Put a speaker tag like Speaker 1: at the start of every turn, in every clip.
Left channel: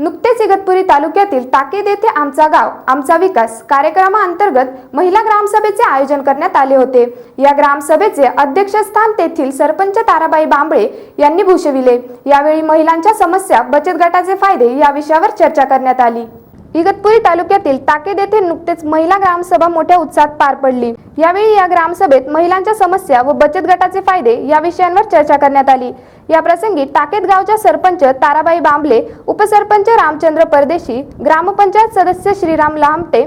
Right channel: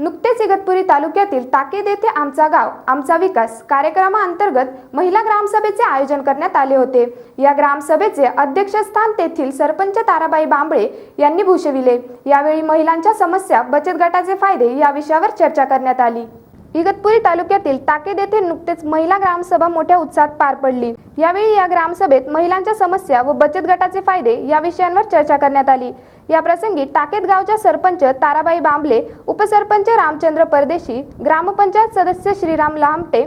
Speaker 1: नुकतेच इगतपुरी तालुक्यातील ताकेद येथे आमचा गाव आमचा विकास कार्यक्रमाअंतर्गत महिला ग्रामसभेचे आयोजन करण्यात आले होते. या ग्रामसभेचे अध्यक्षस्थान तेथील सरपंच ताराबाई बांबळे यांनी भूषविले. यावेळी महिलांच्या समस्या बचत गटाचे फायदे या विषयावर चर्चा करण्यात आली. इगतपुरी तालुक्यातील ताकेद येथे नुकतेच महिला ग्रामसभा मोठ्या उत्साहात पार पडली. यावेळी या ग्रामसभेत महिलांच्या समस्या व बचत गटाचे फायदे या विषयांवर चर्चा करण्यात आली. या प्रसंगी टाकेत गावच्या सरपंच ताराबाई बांबले उपसरपंच रामचंद्र परदेशी ग्रामपंचायत सदस्य श्रीराम लामटे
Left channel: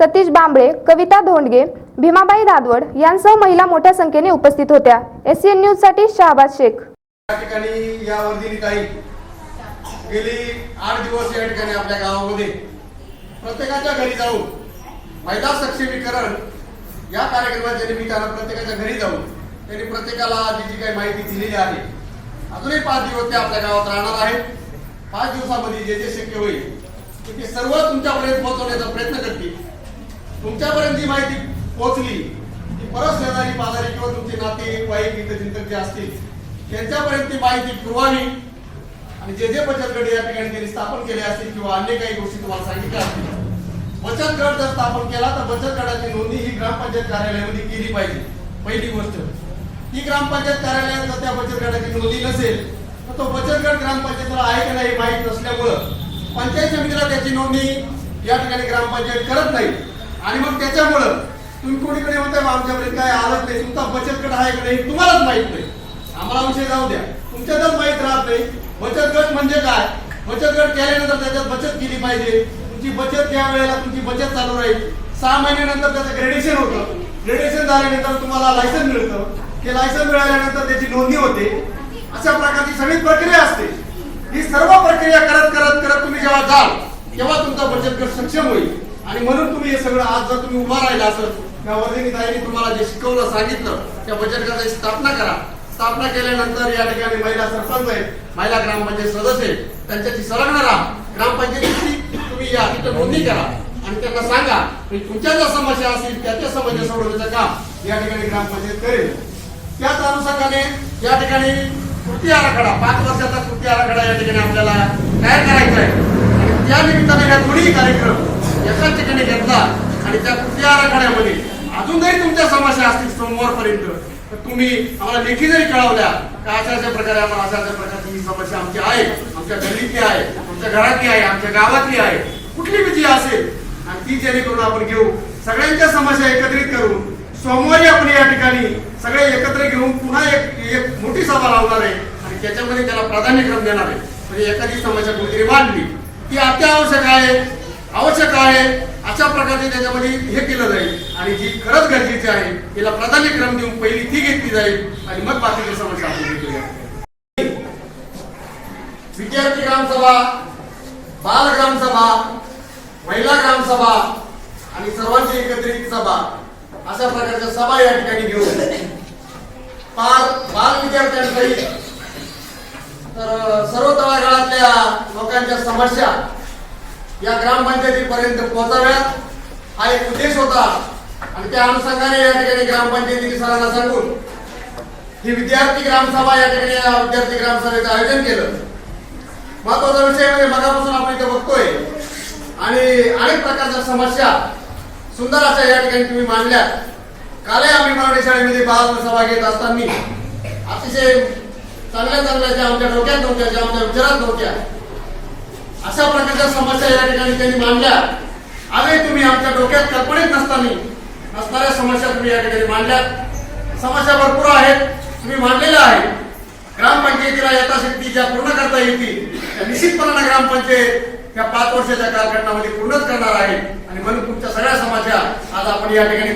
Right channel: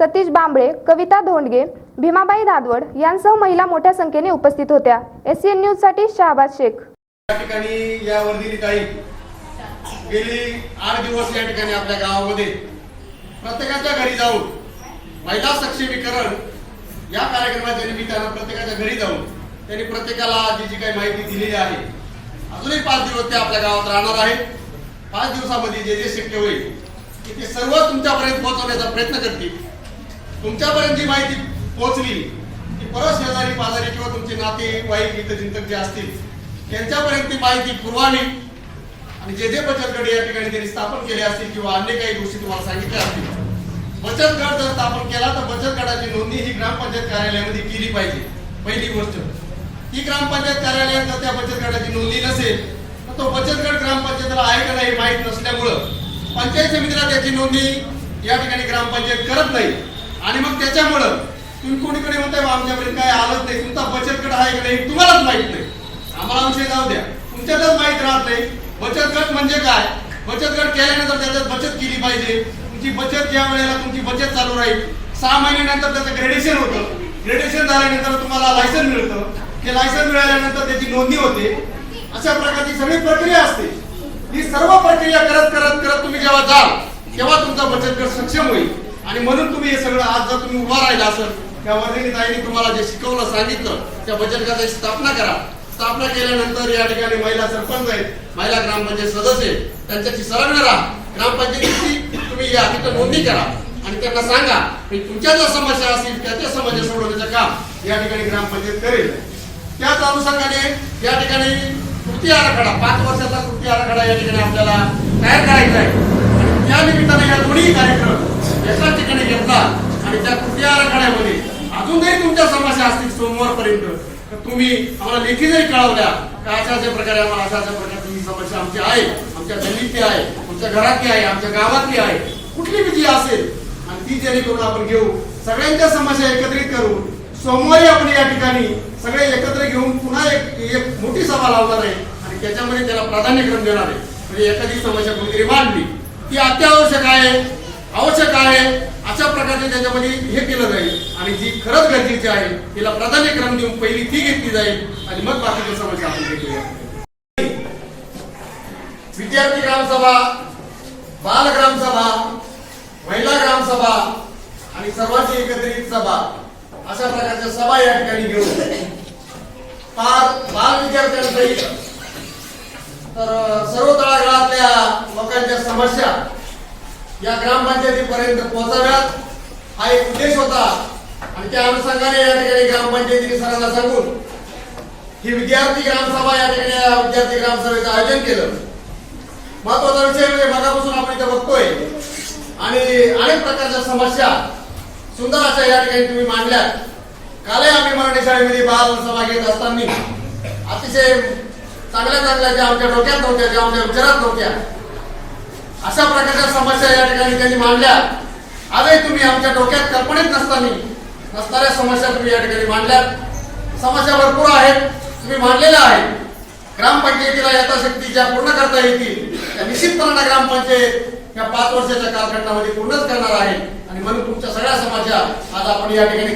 Speaker 1: सतीश बांबळे कविता धोंडगे भीमाबाई दादवड यांसह महिला मोठ्या संख्येने उपस्थित होत्या. एसीएन न्यूजसाठी शहाबाज शेख.
Speaker 2: या ठिकाणी या वर्धिनी काही गेली आठ दिवस या ठिकाणी आपल्या गावामध्ये प्रत्येकाच्या घरी जाऊन महिला सक्षमीकरण या कार्यक्रमाच्या निमित्तानं प्रत्येकाच्या घरी जाऊन त्यांनी प्रत्येकाला जी जी काही माहिती दिलेली आहे अजूनही पाच दिवस ते आपल्या गावात राहणार आहेत. पाच दिवसामध्ये जे जे शक्य होईल की ते सर्व तुमच्यापर्यंत पोहोचवण्याचा प्रयत्न करतील. तुमच्यापर्यंत जी माहिती पोहोचली ती परत शेजारी पाजारी किंवा तुमचे नाते वाईक मित्र चिंतक जे असतील त्यांच्यापर्यंत ती माहिती पुरवावी. आणि जे जे बचत गट या ठिकाणी त्यांनी स्थापन केले असतील किंवा अन्य काही गोष्टी तुम्हाला सांगितल्या असतील बचत गट जर स्थापन केला तर बचत गटाची नोंदणी ही ग्रामपंचायत कार्यालयामध्ये केली पाहिजे. पहिली गोष्ट. ती ग्रामपंचायत कार्यालयात जर त्या बचत गटाची नोंदणी नसेल तर तो बचत गट ग्रामपंचायतीला आहे का नाही हे माहीत नसल्यामुळं पंचायत समितीला त्याची नोंदणी या ठिकाणी ग्रामपंचायत करत नाही. आणि मग त्याच्यामुळं तुम्ही कोणीकडे म्हणताय आमच्यापर्यंत काय आलंच नाही तुमचा बचत गट आहे का नाही तुम्हालाच माहीत नाही. आम्हाला विषय जाऊ द्या. तुमच्यातच माहीत राहत नाही. बचत गट म्हणजे काय? बचत गट केल्यानंतर त्याच्यात बचत केली पाहिजे. तुमची बचत ज्या वेळेला तुमची बचत चालू राहील सहा महिन्यानंतर त्याचं ग्रेडेशन होतं. ग्रेडेशन झाल्यानंतर तुम्हाला लायसन मिळतं. ते लायसन मिळाल्यानंतर त्याची नोंदणी होते. अशा प्रकारची सगळी प्रक्रिया असते. ही सर्व प्रक्रिया करत करत करत तुम्ही जेव्हा जाल तेव्हा तुमचा बचत गट सक्षम होईल. आणि म्हणून तुम्ही हे सगळं आज जर तुम्ही उभा राहिला असेल त्या वर्धिनी तुम्हाला जे शिकवलं सांगितलं त्या बचत गटाची स्थापना करा. स्थापना केल्यानंतर या ठिकाणी महिला सरपंच आहेत. महिला ग्रामपंचायत सदस्य आहेत. त्यांच्याशी संलग्न राहा. ग्रामपंचायतीची तुम्ही या तिथं नोंदणी करा. आणि त्यांना सांगा की तुमच्या ज्या समस्या असतील त्या त्या समस्या सोडवण्याचं काम या ठिकाणी ग्रामपंचायत करेल. त्याच अनुषंगाने या ठिकाणी कृती आराखडा पाच वर्षाचा कृती आराखडा या ठिकाणी आपल्याला तयार करायचा आहे. आणि त्या निमित्ताने या दोन्ही कार्यक्रम एकाच ठिकाणी घेतला आणि त्या कृती आराखड्यामध्ये अजूनही तुमच्या समस्या असतील सोमवारपर्यंत तर तुम्ही आम्हाला लेखी जरी कळवल्या का अशा अशा प्रकारे आम्हाला अशा अशा प्रकारची ही समस्या आमची आहे आमच्या गल्लीतली आहे आमच्या घरातली आहे आमच्या गावातली आहे. कुठली विजय असेल? आणि ती जेणेकरून आपण घेऊ. सगळ्यांच्या समस्या एकत्रित करून सोमवारी आपण या ठिकाणी सगळे एकत्र घेऊन पुन्हा एक एक मोठी सभा लावणार आहे. आणि त्याच्यामध्ये त्याला प्राधान्यक्रम देणार आहे. म्हणजे एखादी समस्या कुठेतरी मांडली ती अत्यावश्यक आहे आवश्यक आहे अशा प्रकारचे त्याच्यामध्ये हे केलं जाईल. आणि जी खरंच गरजेची आहे तिला प्राधान्यक्रम देऊन पहिली ती घेतली जाईल. आणि मग बाकीची समस्या आपण घेतली जाईल विद्यार्थी ग्रामसभा बाल ग्रामसभा महिला ग्रामसभा आणि सर्वांची एकत्रित सभा. अशा प्रकारच्या सभा या ठिकाणी घेऊन पार बाल विद्यार्थ्यांसाठी तर सर्व तळागाळातल्या लोकांच्या समस्या या ग्रामपंचायतीपर्यंत पोहोचाव्यात. हा एक उद्देश होता. आणि त्या अनुषंगाने या ठिकाणी ग्रामपंचायतीने सरांना सांगून ही विद्यार्थी ग्रामसभा या ठिकाणी या विद्यार्थी ग्रामसभेचं आयोजन केलं. महत्त्वाचा विषय म्हणजे मगापासून आपण इथे बघतोय. आणि अनेक प्रकारच्या समस्या सुंदर अशा या ठिकाणी तुम्ही मांडल्या कालही आम्ही मराठी शाळेमध्ये बाल सभा घेत असताना अतिशय चांगल्या चांगल्या ज्या आमच्या डोक्यात नव्हत्या ज्या आमच्या विचारात नव्हत्या अशा प्रकारच्या समस्या या ठिकाणी त्यांनी मांडल्या. आजही तुम्ही आमच्या डोक्यात कल्पनेत नसताना नसणाऱ्या समस्या तुम्ही या ठिकाणी मांडल्या समस्या भरपूर आहेत तुम्ही मांडलेल्या आहेत. ग्रामपंचायतीला यथाशक्ती ज्या पूर्ण करता येतील त्या निश्चितपणाने ग्रामपंचायत या पाच वर्षाच्या कालखंडामध्ये पूर्णच करणार आहे. आणि म्हणून तुमच्या सगळ्या समस्या आज आपण या ठिकाणी